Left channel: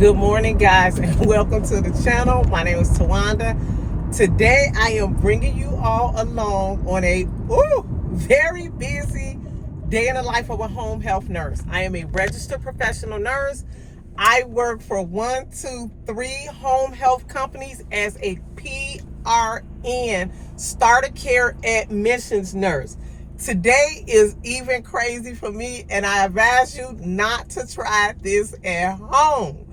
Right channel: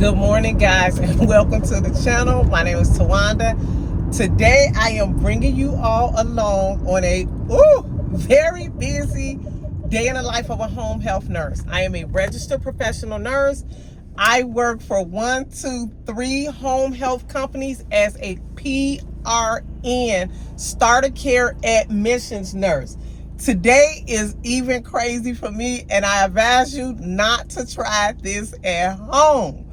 Good morning, guys, and welcome to the channel. My name is Tawanda. Today I am bringing you all along on a very busy day in the life of a home health nurse. I am a registered professional nurse. I work for 3 home health companies as a PRN, starter care admissions nurse. Today is even crazy for me, and I advise you not to try this at home.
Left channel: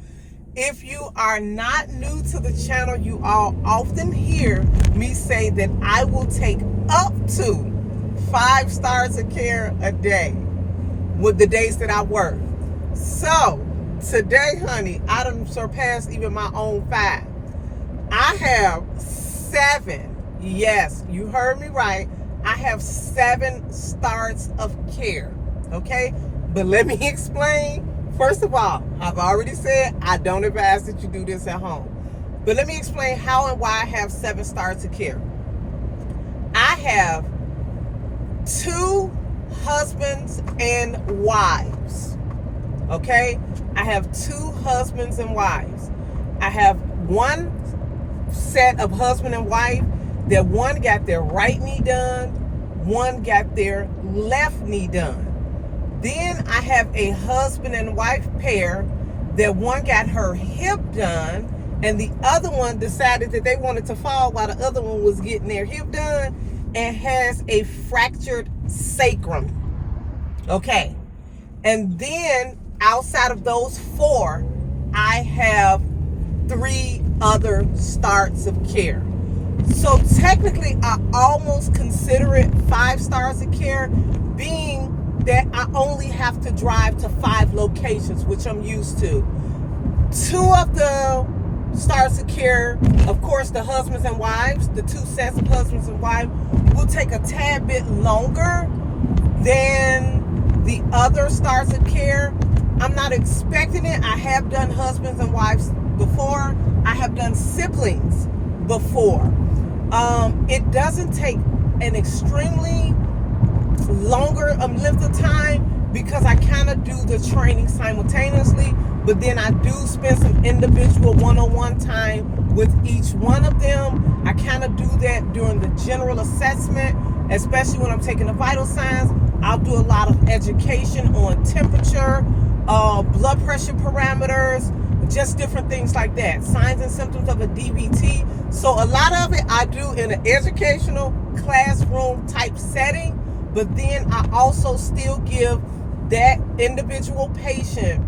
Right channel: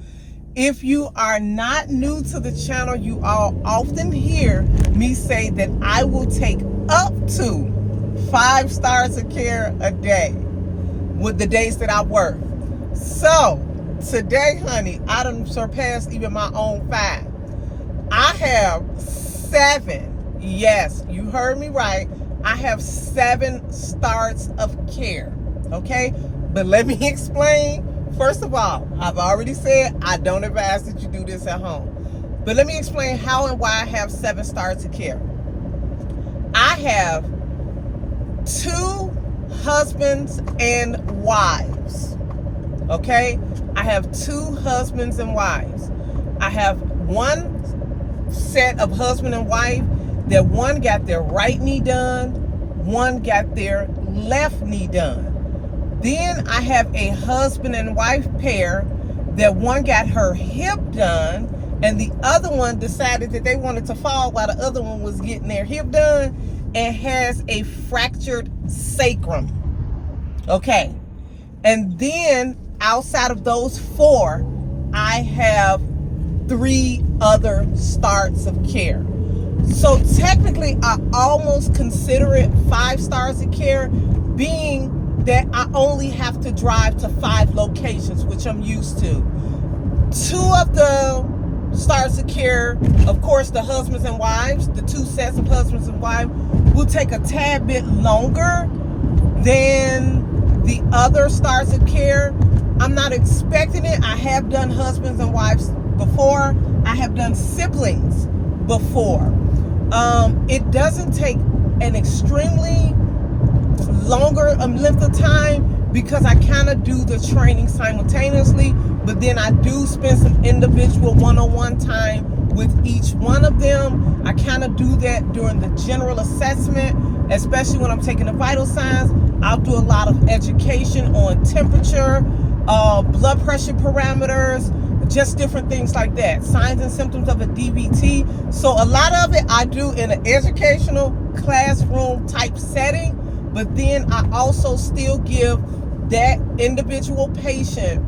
If you are not new to the channel, you all often hear me say that I will take up to 5 stars of care a day with the days that I work. So today, honey, I done surpassed even my own 5. I have 7. Yes, you heard me right. I have 7 starts of care. Okay, but let me explain. First of all, I've already said I don't advise that you do this at home. But let me explain how and why I have 7 starts of care. I have 2 husbands and wives. Okay? I have 2 husbands and wives. I have one set of husband and wife that one got their right knee done, one got their left knee done. Then I have a husband and wife pair that one got her hip done and the other one decided that they wanted to fall while the other one was getting their hip done and has a fractured sacrum. Okay. And then outside of those 4, I have 3 other starts of care. So technically, I almost consider it 5 stars of care, being that I only have to drive to 5 locations, which I'm used to. 2 of the stars of care, of course, the husbands and wives, the 2 sets of husbands and wives, will take a tad bit longer than the other stars of care. I'm not expecting it. I have done husbands and wives before. I have done siblings before. It doesn't take an extremely longer length of time because I kind of do the training simultaneously, but then I do spend some individual one-on-one time with each one of them. I kind of do that during the general assessment, especially when I'm taking the vital signs. I'll do a lot of education on temperature, blood pressure parameters, just different things like that, signs and symptoms of a DVT. So a lot of it I do in an educational classroom type setting, but then I also still give that individual patient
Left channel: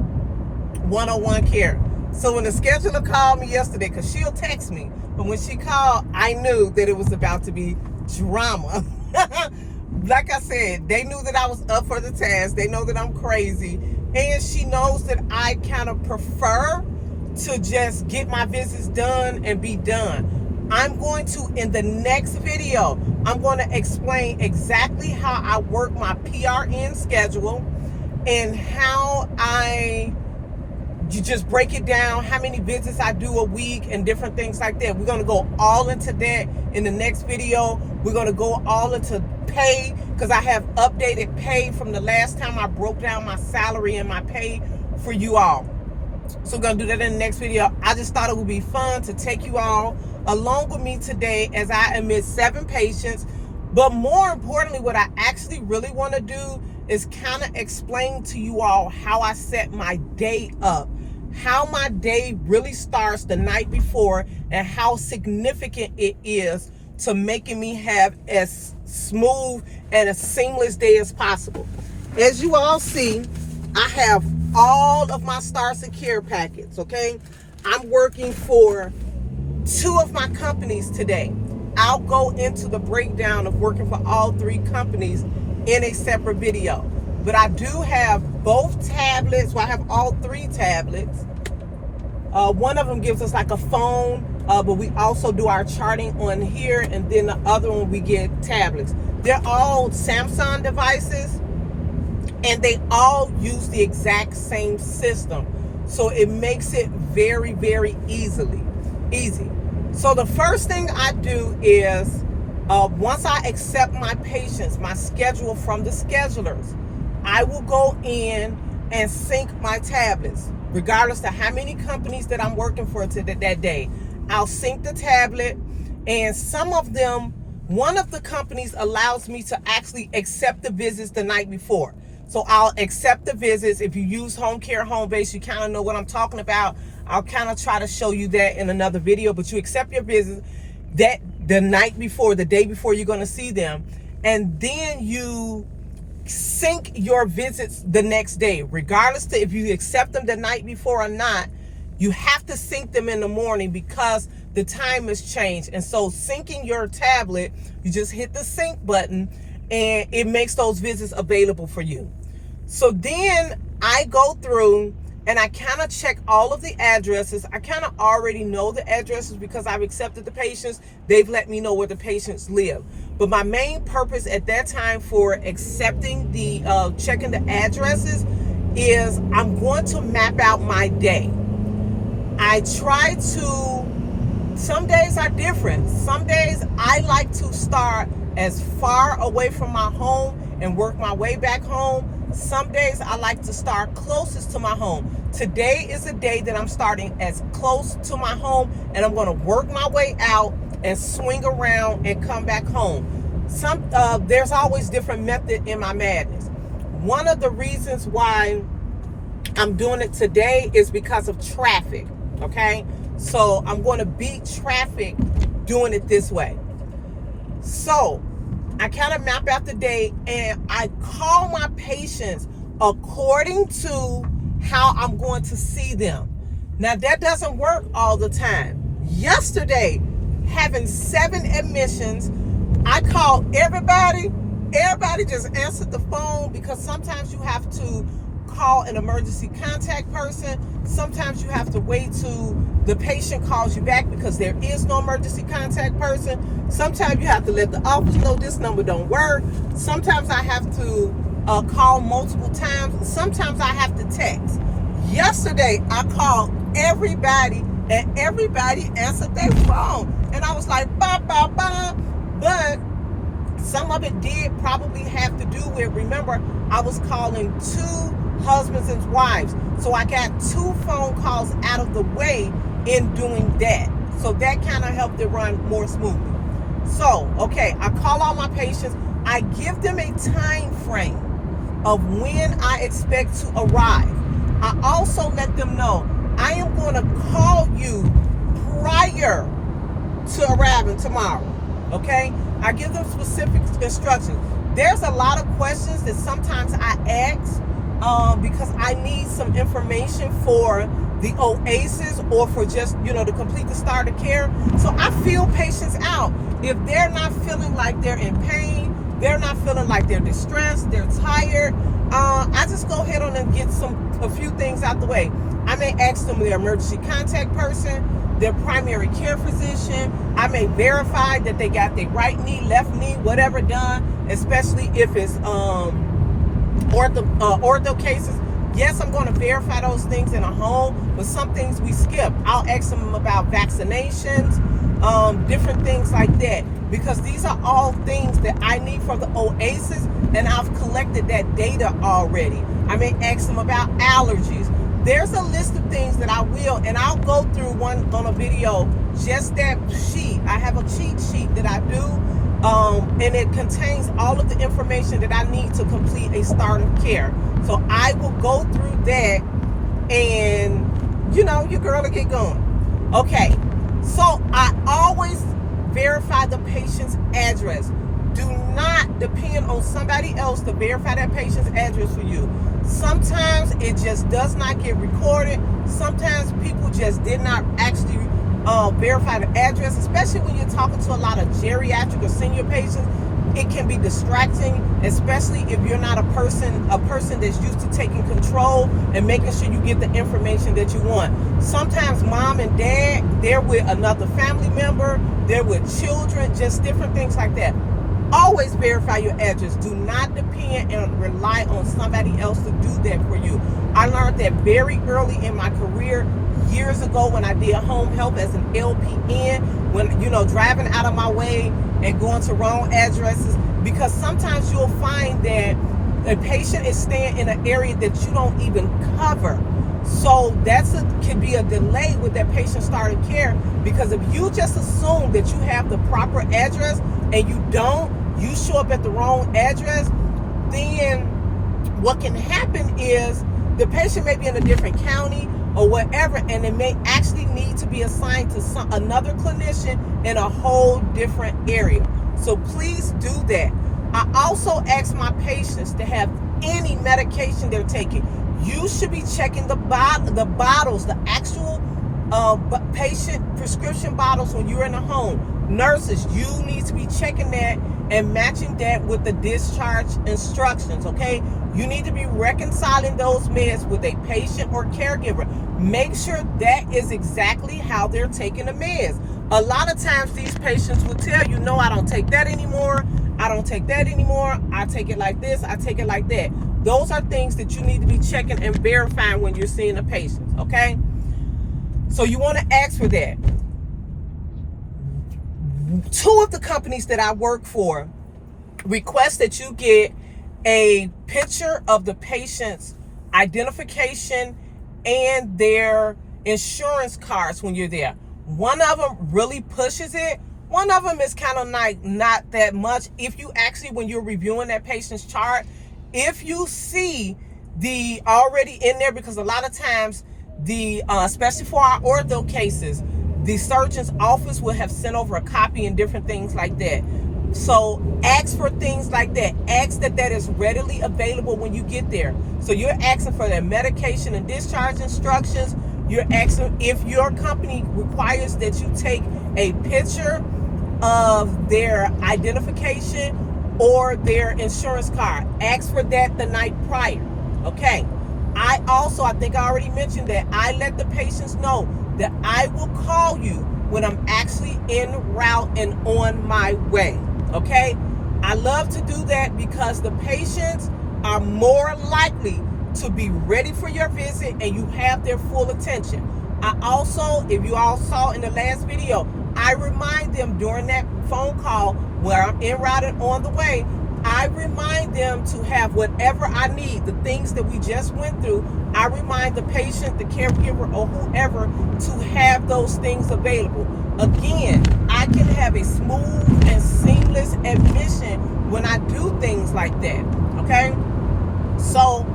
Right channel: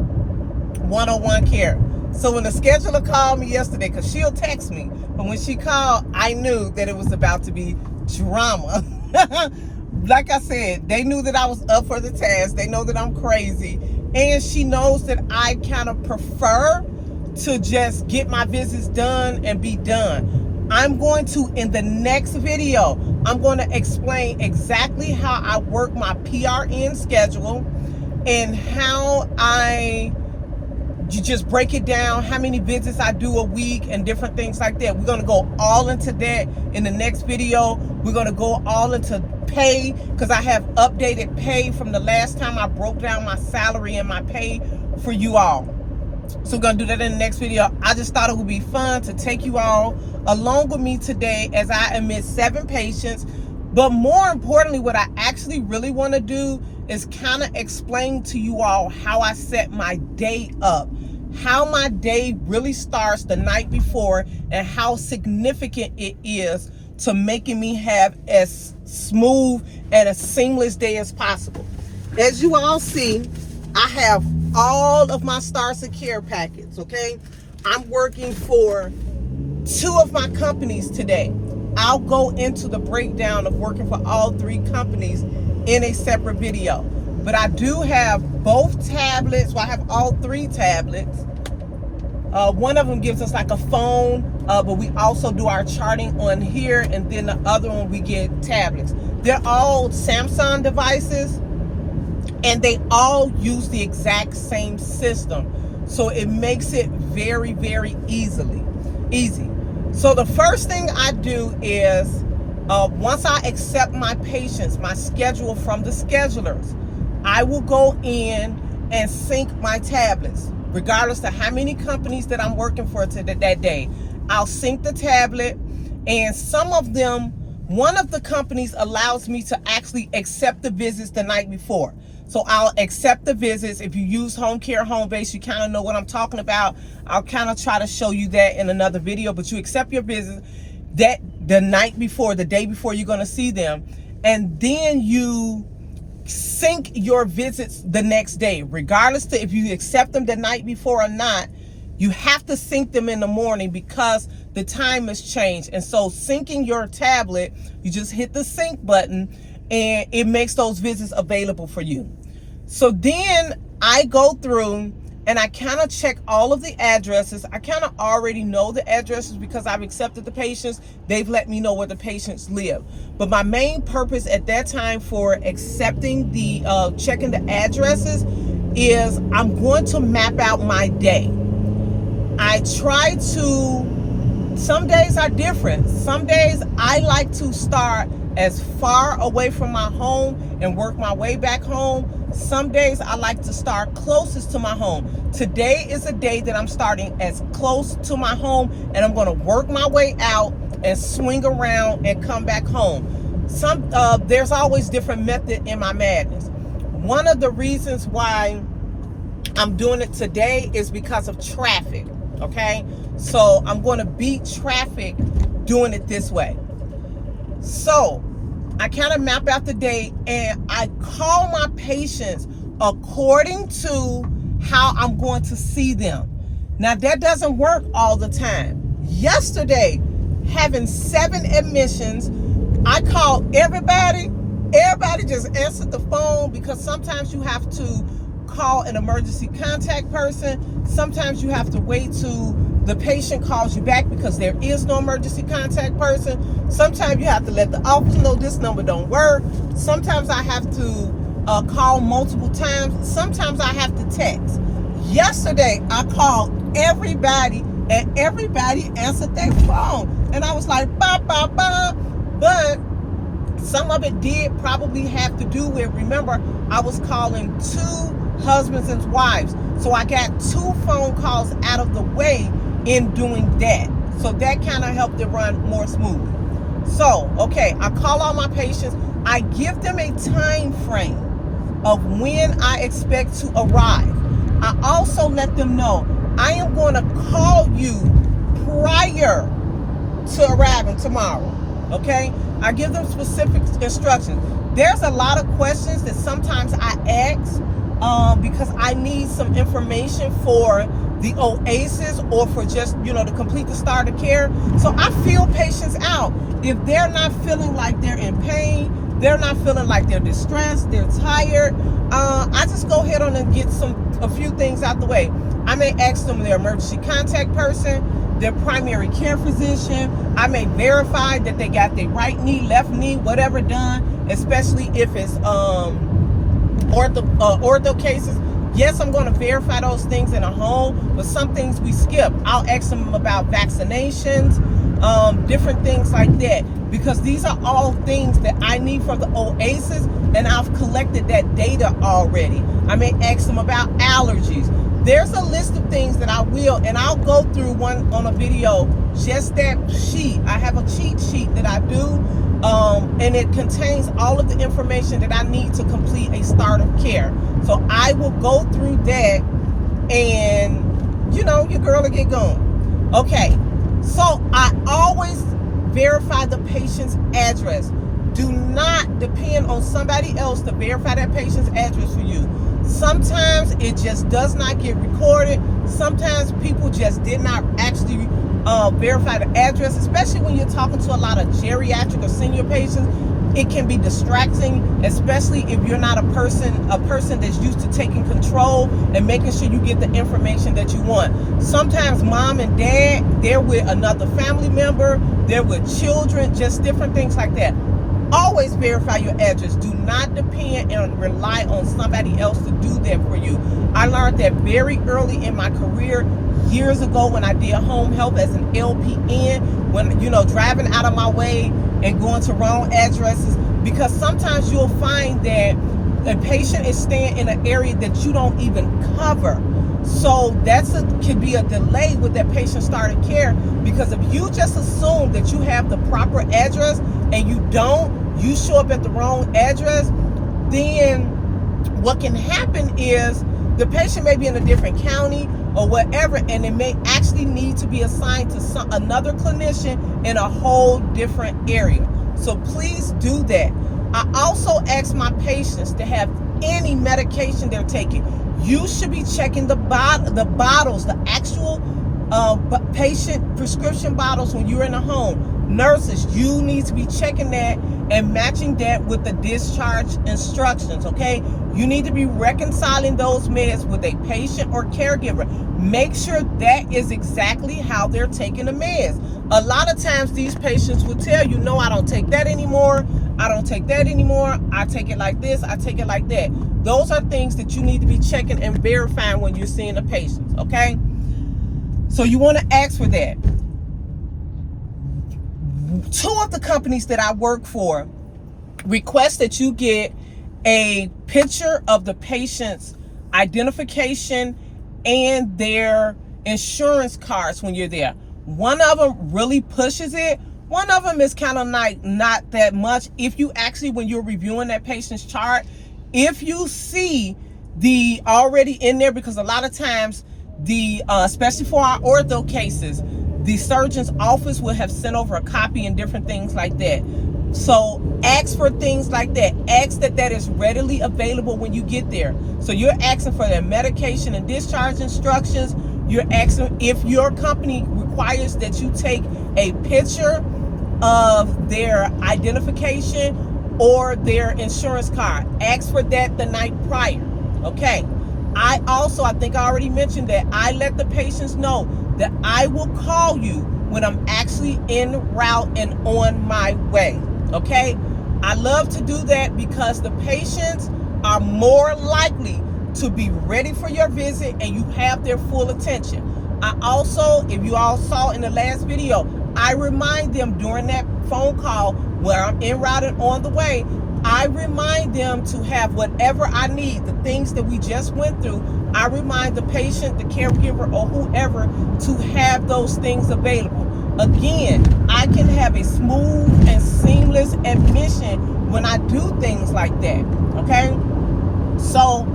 one-on-one care. So when the scheduler called me yesterday, because she'll text me, but when she called, I knew that it was about to be drama. Like I said, they knew that I was up for the task. They know that I'm crazy. And she knows that I kind of prefer to just get my visits done and be done. I'm going to, in the next video, I'm going to explain exactly how I work my PRN schedule and how you just break it down, how many visits I do a week and different things like that. We're going to go all into that in the next video. We're going to go all into pay because I have updated pay from the last time I broke down my salary and my pay for you all. So we're going to do that in the next video. I just thought it would be fun to take you all along with me today as I admit 7 patients. But more importantly, what I actually really want to do is kind of explain to you all how I set my day up, how my day really starts the night before, and how significant it is to making me have as smooth and a seamless day as possible. As you all see, I have all of my stars of care packets, okay? I'm working for 2 of my companies today. I'll go into the breakdown of working for all 3 companies in a separate video. But I do have both tablets. Well, I have all 3 tablets. One of them gives us like a phone, but we also do our charting on here, and then the other one we get tablets. They're all Samsung devices, and they all use the exact same system. So it makes it very, very easy. So the first thing I do is, once I accept my patients, my schedule from the schedulers, I will go in and sync my tablets. regardless of how many companies that I'm working for that day. I'll sync the tablet, and some of them, one of the companies allows me to actually accept the visits the night before. So I'll accept the visits. If you use Home Care Home Base, you kind of know what I'm talking about. I'll kind of try to show you that in another video, but you accept your visits that the night before, the day before you're going to see them, and then you sync your visits the next day, regardless to if you accept them the night before or not. You have to sync them in the morning because the time has changed. And so syncing your tablet, you just hit the sync button and it makes those visits available for you. So then I go through and I kind of check all of the addresses. I kind of already know the addresses because I've accepted the patients. They've let me know where the patients live. But my main purpose at that time for accepting the, checking the addresses is I'm going to map out my day. I try to, some days are different. Some days I like to start as far away from my home and work my way back home. Some days I like to start closest to my home. Today is a day that I'm starting as close to my home, and I'm going to work my way out and swing around and come back home. There's always different method in my madness. One of the reasons why I'm doing it today is because of traffic. Okay, so I'm going to beat traffic doing it this way. So I kind of map out the day and I call my patients according to how I'm going to see them. Now that doesn't work all the time. Yesterday, having 7 admissions, I called everybody. Everybody just answered the phone because sometimes you have to call an emergency contact person. Sometimes you have to wait till the patient calls you back because there is no emergency contact person. Sometimes you have to let the office know this number don't work. Sometimes I have to call multiple times. Sometimes I have to text. Yesterday, I called everybody and everybody answered their phone. And I was like, ba, ba, ba. But some of it did probably have to do with, remember, I was calling 2 husbands and wives. So I got 2 phone calls out of the way in doing that. So that kind of helped it run more smoothly. So, okay, I call all my patients. I give them a time frame of when I expect to arrive. I also let them know I am going to call you prior to arriving tomorrow. Okay? I give them specific instructions. There's a lot of questions that sometimes I ask because I need some information for the OASIS or for just, to complete the start of care. So I feel patients out. If they're not feeling like they're in pain, they're not feeling like they're distressed, they're tired, I just go ahead on and get a few things out the way. I may ask them their emergency contact person, their primary care physician. I may verify that they got their right knee, left knee, whatever done, especially if it's ortho cases. Yes, I'm going to verify those things in a home, but some things we skip. I'll ask them about vaccinations, different things like that, because these are all things that I need for the OASIS, and I've collected that data already. I may ask them about allergies. There's a list of things that I will, and I'll go through one on a video, just that sheet. I have a cheat sheet that I do, and it contains all of the information that I need to complete a start of care. So I will go through that, and your girl will get going. Okay, so I always verify the patient's address. Do not depend on somebody else to verify that patient's address for you. Sometimes it just does not get recorded. Sometimes people just did not actually verify the address, especially when you're talking to a lot of geriatric or senior patients. It can be distracting, especially if you're not a person that's used to taking control and making sure you get the information that you want. Sometimes mom and dad, they're with another family member, they're with children, just different things like that. Always verify your address. Do not depend and rely on somebody else to do that for you. I learned that very early in my career, years ago, when I did home health as an LPN, when, driving out of my way and going to wrong addresses, because sometimes you'll find that a patient is staying in an area that you don't even cover. So could be a delay with that patient starting care, because if you just assume that you have the proper address and you don't, you show up at the wrong address, then what can happen is the patient may be in a different county or whatever, and it may actually need to be assigned to another clinician in a whole different area. So please do that. I also ask my patients to have any medication they're taking. You should be checking the bottles, the actual patient prescription bottles when you're in the home. Nurses, you need to be checking that and matching that with the discharge instructions, okay? You need to be reconciling those meds with a patient or caregiver. Make sure that is exactly how they're taking the meds. A lot of times these patients will tell you, no, I don't take that anymore. I don't take that anymore. I take it like this. I take it like that. Those are things that you need to be checking and verifying when you're seeing the patients, okay? So you want to ask for that. Two of the companies that I work for request that you get a picture of the patient's identification and their insurance cards when you're there. One of them really pushes it. One of them is kind of like not that much. If you actually, when you're reviewing that patient's chart, if you see the already in there, because a lot of times especially for our ortho cases, the surgeon's office will have sent over a copy and different things like that. So ask for things like that. Ask that is readily available when you get there. So you're asking for their medication and discharge instructions. You're asking if your company requires that you take a picture of their identification or their insurance card. Ask for that the night prior, okay? I think I already mentioned that I let the patients know that I will call you when I'm actually en route and on my way, okay? I love to do that because the patients are more likely to be ready for your visit and you have their full attention. I also, if you all saw in the last video, I remind them during that phone call where I'm en route and on the way, I remind them to have whatever I need, the things that we just went through. I remind the patient, the caregiver, or whoever to have those things available. Again, I can have a smooth and seamless admission when I do things like that, okay? So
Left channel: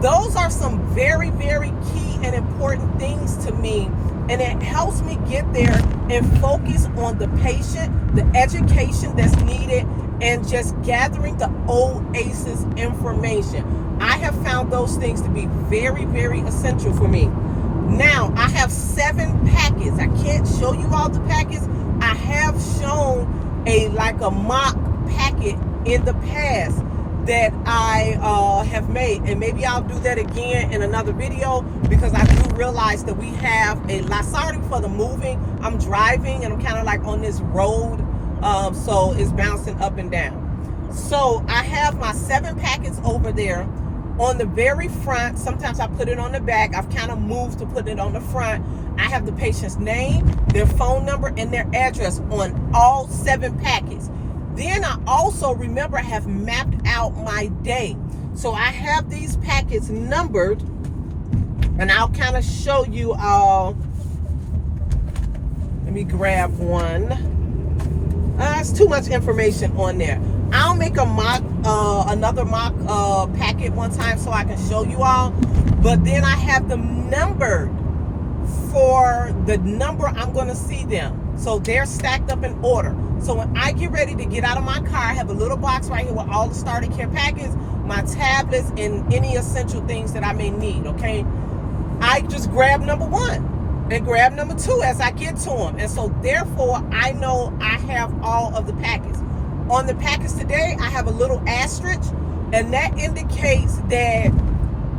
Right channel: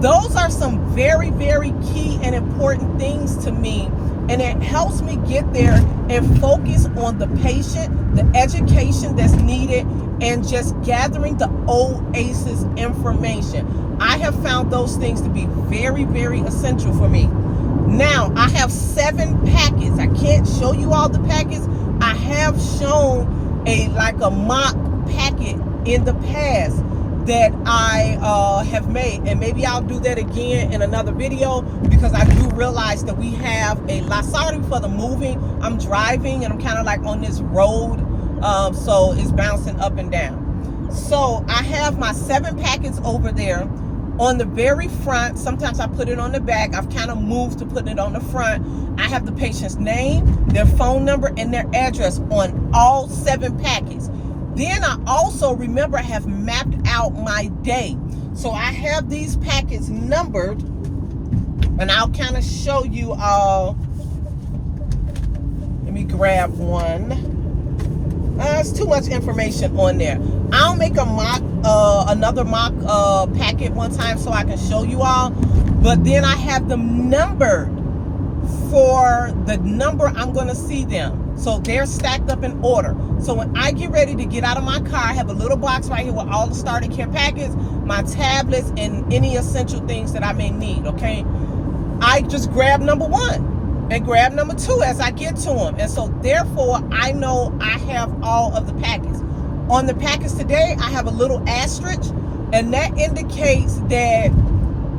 those are some very, very key and important things to me, and it helps me get there and focus on the patient, the education that's needed, and just gathering the OASIS information. I have found those things to be very, very essential for me. Now, I have 7 packets. I can't show you all the packets. I have shown a mock packet in the past that I have made, and maybe I'll do that again in another video, because I do realize that we have a lot. Sorry for the moving. I'm driving and I'm kind of like on this road, so it's bouncing up and down. So I have my 7 packets over there. On the very front, sometimes I put it on the back. I've kind of moved to put it on the front. I have the patient's name, their phone number, and their address on all 7 packets. Then I also, remember, have mapped out my day. So I have these packets numbered, and I'll kind of show you all. Let me grab one. There's too much information on there. I'll make another mock packet one time so I can show you all. But then I have them numbered for the number I'm going to see them. So they're stacked up in order. So when I get ready to get out of my car, I have a little box right here with all the starter care packets, my tablets, and any essential things that I may need, okay? I just grab number 1 and grab number 2 as I get to them. And so therefore, I know I have all of the packets. On the packets today, I have a little asterisk, and that indicates that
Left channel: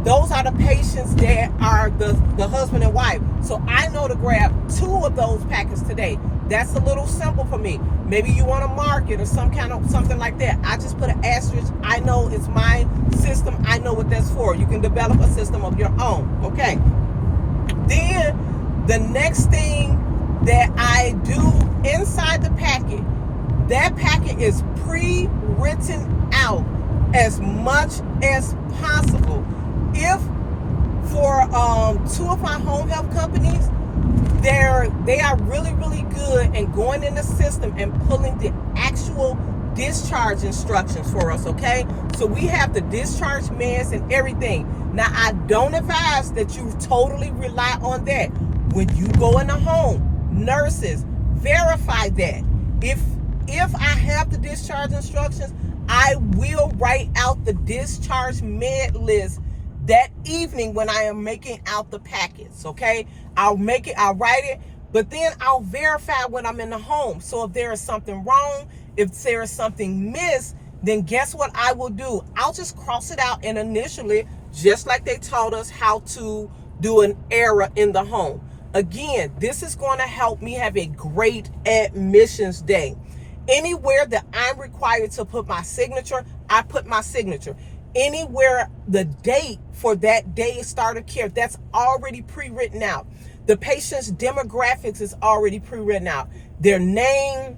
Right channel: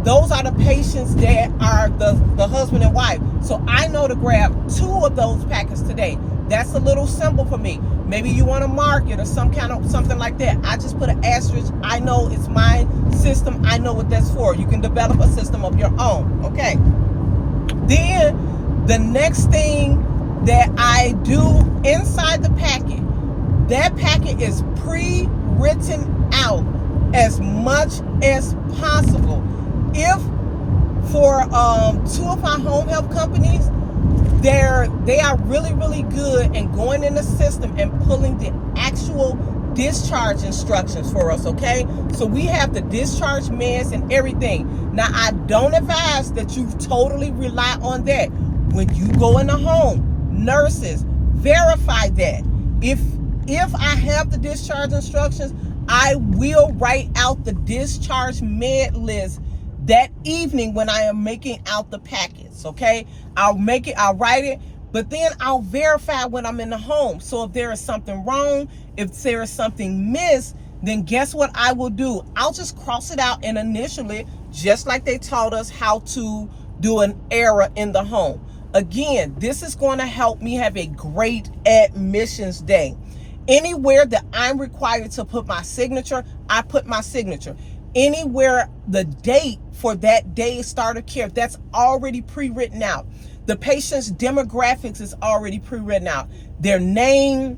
those are the patients that are the husband and wife. So I know to grab 2 of those packets today. That's a little simple for me. Maybe you want to mark it or something like that. I just put an asterisk. I know it's my system. I know what that's for. You can develop a system of your own. Okay. Then the next thing that I do inside the packet, that packet is pre-written out as much as possible. If For two of my home health companies, they are really, really good in going in the system and pulling the actual discharge instructions for us, okay? So we have the discharge meds and everything. Now, I don't advise that you totally rely on that. When you go in the home, nurses, verify that. If I have the discharge instructions, I will write out the discharge med list that evening when I am making out the packets, okay? I'll write it, but then I'll verify when I'm in the home. So if there is something wrong, if there is something missed, then guess what I will do? I'll just cross it out and initial it, just like they taught us how to do an error in the home. Again, this is going to help me have a great admissions day. Anywhere that I'm required to put my signature, I put my signature. Anywhere the date for that day's start of care, that's already pre-written out. The patient's demographics is already pre-written out. Their name,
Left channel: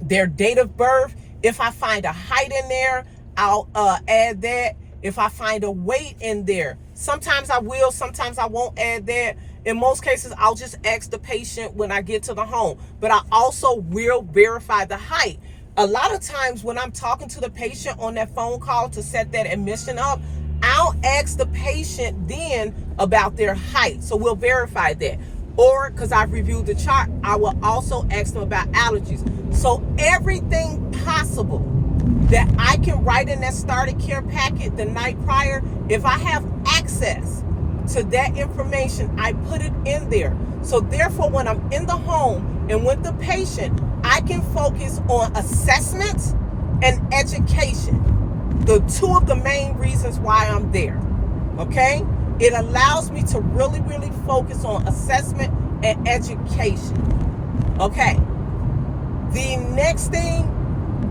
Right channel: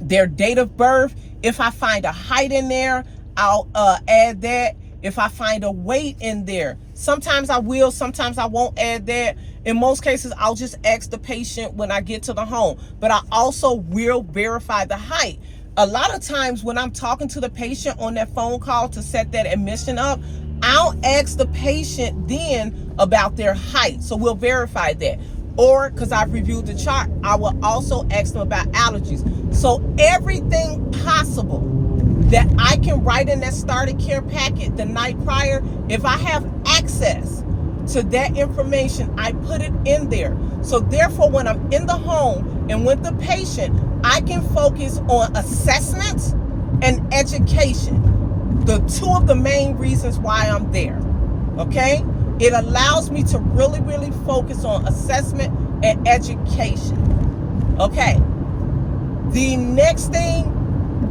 their date of birth. If I find a height in there, I'll add that. If I find a weight in there, sometimes I will, sometimes I won't add that. In most cases, I'll just ask the patient when I get to the home, but I also will verify the height. A lot of times when I'm talking to the patient on that phone call to set that admission up, I'll ask the patient then about their height. So we'll verify that. Or because I've reviewed the chart, I will also ask them about allergies. So everything possible that I can write in that starter care packet the night prior, if I have access to that information, I put it in there. So therefore, when I'm in the home and with the patient, I can focus on assessments and education. The two of the main reasons why I'm there, okay? It allows me to really, really focus on assessment and education, okay? The next thing,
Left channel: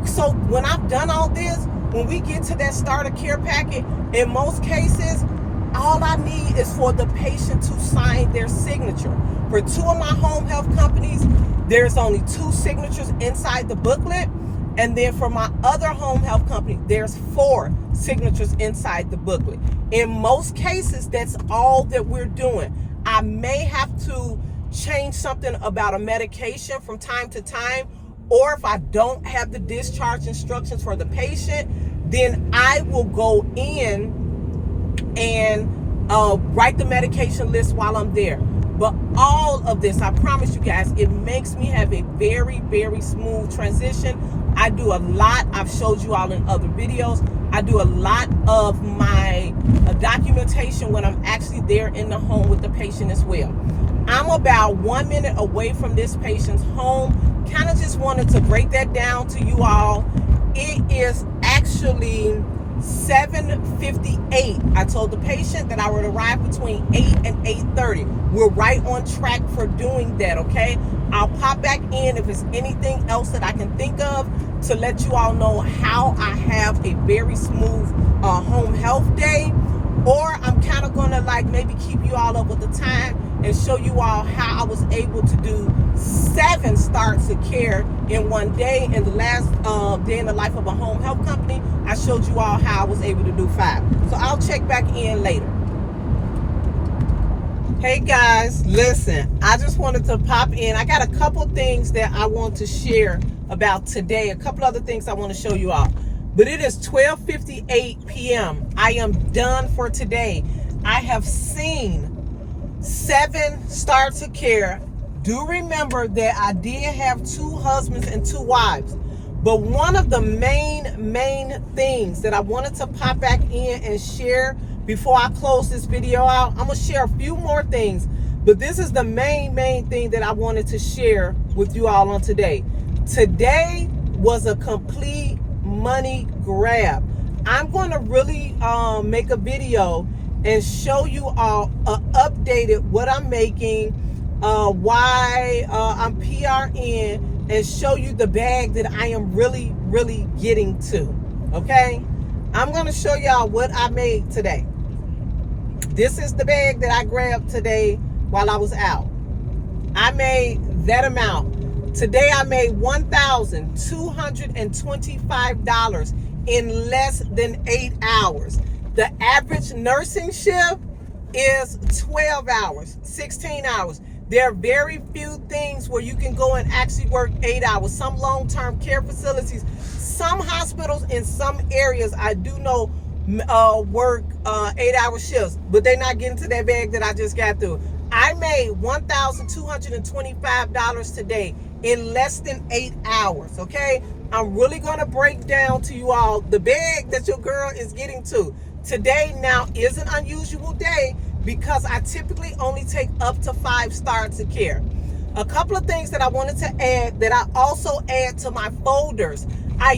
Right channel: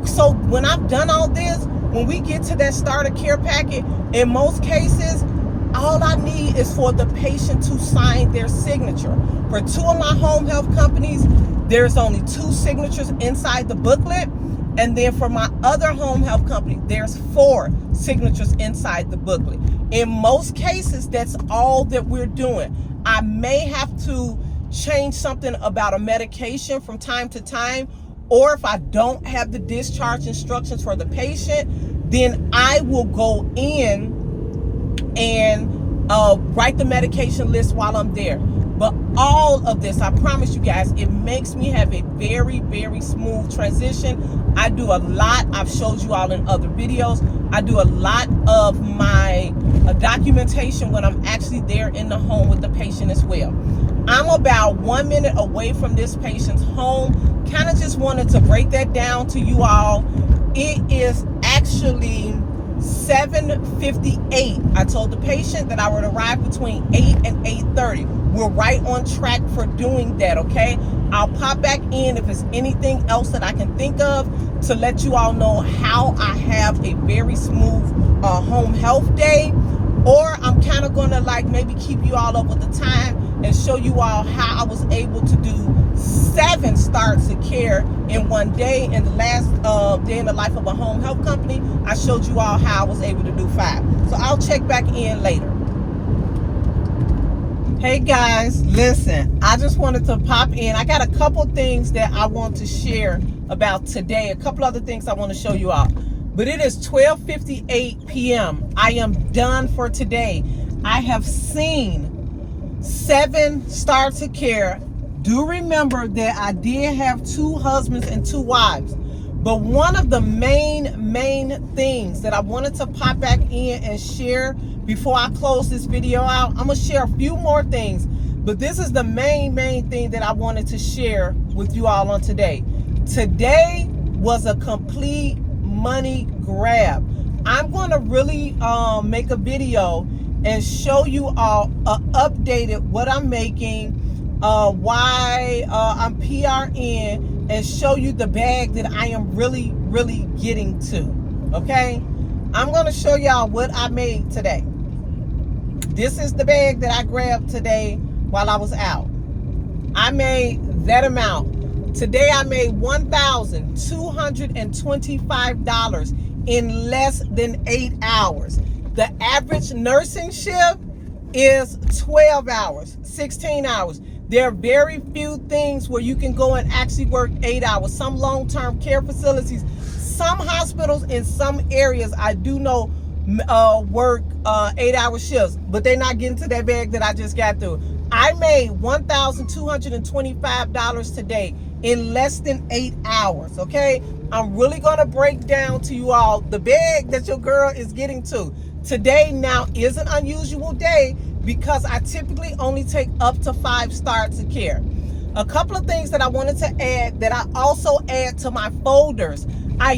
so when I've done all this, when we get to that starter care packet, in most cases, all I need is for the patient to sign their signature. For two of my home health companies, there's only 2 signatures inside the booklet. And then for my other home health company, there's 4 signatures inside the booklet. In most cases, that's all that we're doing. I may have to change something about a medication from time to time, or if I don't have the discharge instructions for the patient, then I will go in and write the medication list while I'm there. But all of this, I promise you guys, it makes me have a very, very smooth transition. I do a lot. I've showed you all in other videos. I do a lot of my documentation when I'm actually there in the home with the patient as well. I'm about 1 minute away from this patient's home. Kind of just wanted to break that down to you all. It is actually 7:58. I told the patient that I would arrive between 8 and 8:30. We're right on track for doing that, okay? I'll pop back in if there's anything else that I can think of to let you all know how I have a very smooth home health day. Or I'm kind of going to like maybe keep you all up with the time and show you all how I was able to do 7 starts of care in one day. In the last day in the life of a home health company, I showed you all how I was able to do 5. So I'll check back in later. Hey guys, listen, I just wanted to pop in. I got a couple things that I want to share about today. A couple other things I want to show you all. But it is 12:58 p.m. I am done for today. I have seen 7 starts of care. Do remember that I did have 2 husbands and 2 wives. But one of the main things that I wanted to pop back in and share before I close this video out, I'm going to share a few more things. But this is the main thing that I wanted to share with you all on today. Today was a complete money grab. I'm going to really make a video and show you all updated what I'm making, why I'm PRN, and show you the bag that I am really getting to. Okay, I'm going to show y'all what I made today. This is the bag that I grabbed today while I was out. I made that amount. Today I made $1,225 in less than 8 hours. The average nursing shift is 12 hours, 16 hours. There are very few things where you can go and actually work 8 hours. Some long-term care facilities, some hospitals in some areas, I do know work 8-hour shifts, but they're not getting to that bag that I just got through. I made $1,225 today in less than 8 hours, okay? I'm really gonna break down to you all the bag that your girl is getting to. Today now is an unusual day because I typically only take up to 5 starts of care. A couple of things that I wanted to add that I also add to my folders. I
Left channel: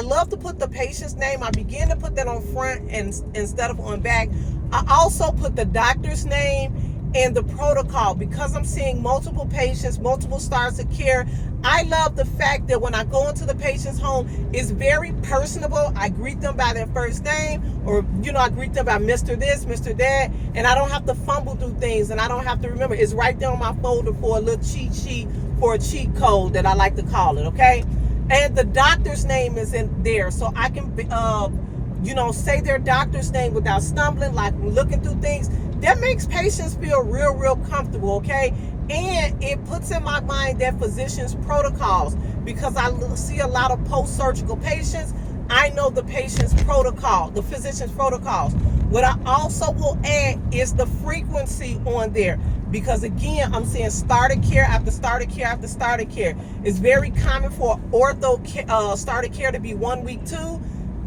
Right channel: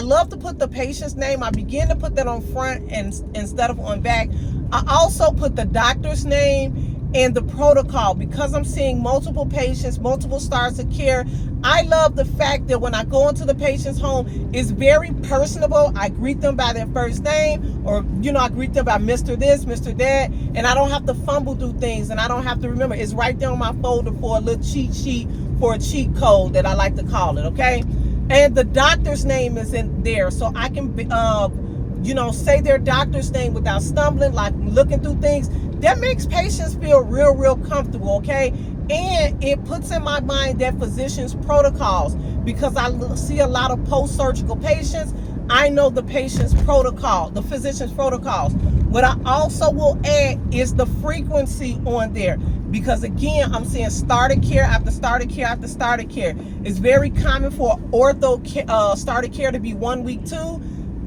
love to put the patient's name. I begin to put that on front and instead of on back. I also put the doctor's name and the protocol because I'm seeing multiple patients, multiple starts of care. I love the fact that when I go into the patient's home, it's very personable. I greet them by their first name, or I greet them by Mr. This, Mr. That, and I don't have to fumble through things, and I don't have to remember. It's right there on my folder for a little cheat sheet, for a cheat code that I like to call it, okay? And the doctor's name is in there, so I can say their doctor's name without stumbling, like looking through things. That makes patients feel real comfortable, okay? And it puts in my mind that physician's protocols, because I see a lot of post-surgical patients. I know the patient's protocol, the physician's protocols. What I also will add is the frequency on there, because again, I'm seeing started care after started care after started care. It's very common for ortho started care to be 1 week 2.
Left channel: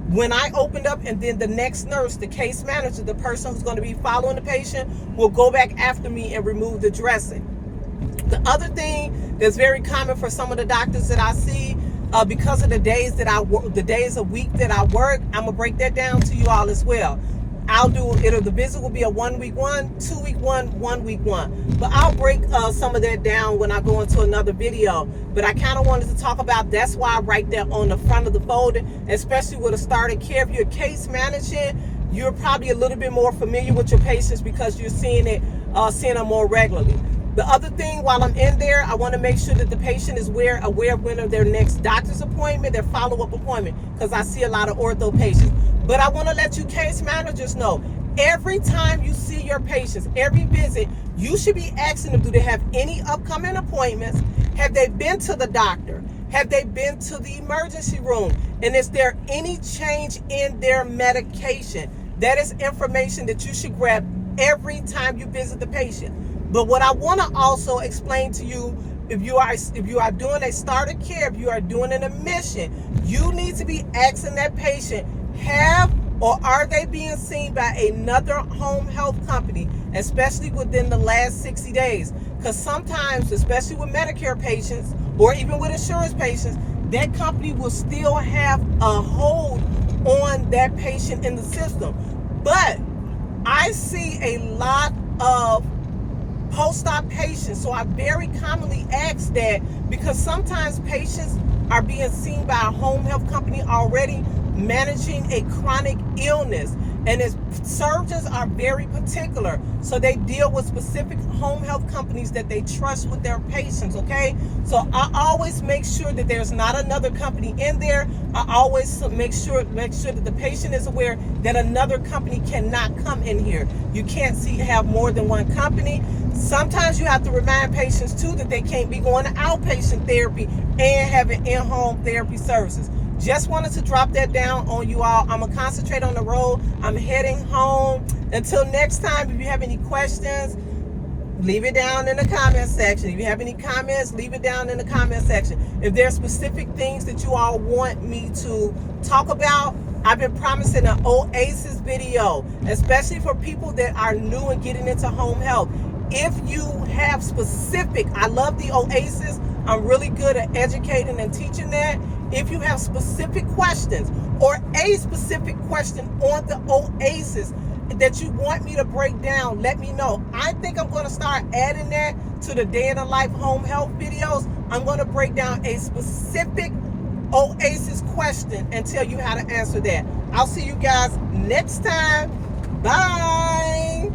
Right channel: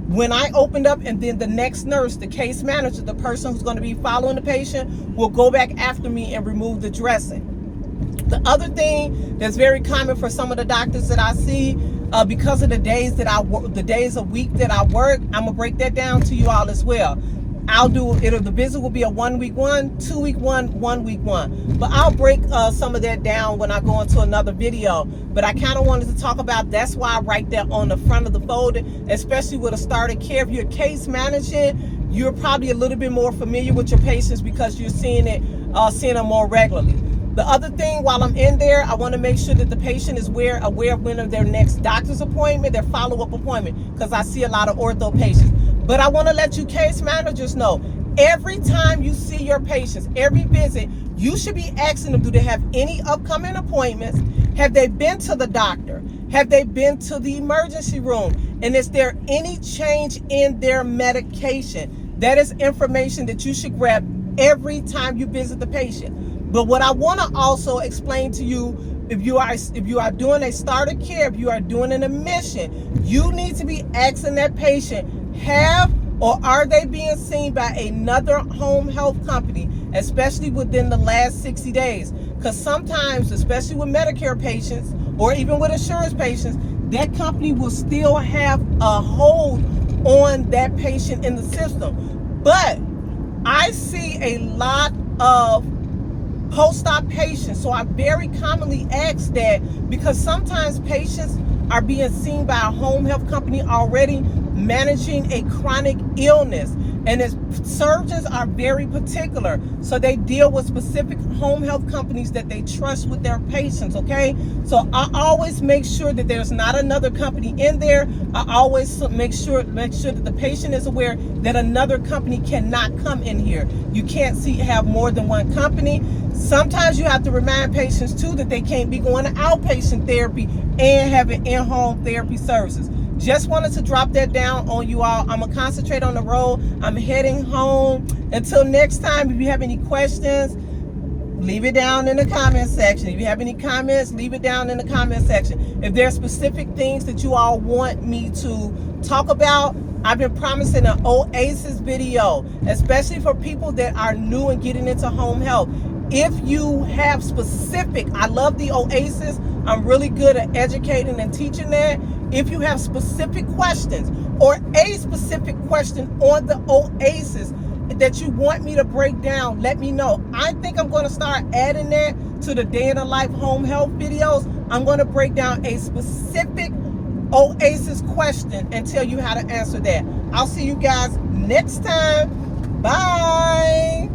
When I opened up, and then the next nurse, the case manager, the person who's going to be following the patient, will go back after me and remove the dressing. The other thing that's very common for some of the doctors that I see, because of the days that I work, the days a week that I work, I'm gonna break that down to you all as well. The visit will be a 1 week 1, 2 week 1, 1 week 1. But I'll break some of that down when I go into another video. But I kind of wanted to talk about, that's why I write that on the front of the folder, especially with a started care. If you're case managing, you're probably a little bit more familiar with your patients because you're seeing them more regularly. The other thing, while I'm in there, I want to make sure that the patient is aware of when of their next doctor's appointment, their follow-up appointment, because I see a lot of ortho patients. But I want to let you case managers know, every time you see your patients, every visit, you should be asking them, do they have any upcoming appointments? Have they been to the doctor? Have they been to the emergency room? And is there any change in their medication? That is information that you should grab every time you visit the patient. But what I want to also explain to you, if you are doing a starter care, if you are doing an admission, you need to be asking that patient, are they being seen by another home health company, especially within the last 60 days? Because sometimes, especially with Medicare patients or even with insurance patients, that company will still have a hold on that patient in the system. But I see a lot of post-op patients, so I very commonly ask that, because sometimes patients are being seen by a home health company already managing a chronic illness, and surgeons are very particular, so they deal with specific home health companies that they trust with their patients, okay? So I always make sure that there's not another company in there. I always make sure that the patient is aware that another company cannot come in here. You can't have more than one company. Sometimes you have to remind patients too that they can't be going to outpatient therapy and having in-home therapy services. Just wanted to drop that down on you all. I'm gonna concentrate on the road. I'm heading home. Until next time, if you have any questions, leave it down in the comment section. If you have any comments, leave it down in the comment section. If there are specific things that you all want me to talk about, I've been promising an Oasis video, especially for people that are new and getting into home health. If you have I love the Oasis. I'm really good at educating and teaching that. If you have specific questions or a specific question on the Oasis that you want me to break down, let me know. I think I'm going to start adding that to the day in the life home health videos. I'm going to break down a specific Oasis question and tell you how to answer that. I'll see you guys next time. Bye.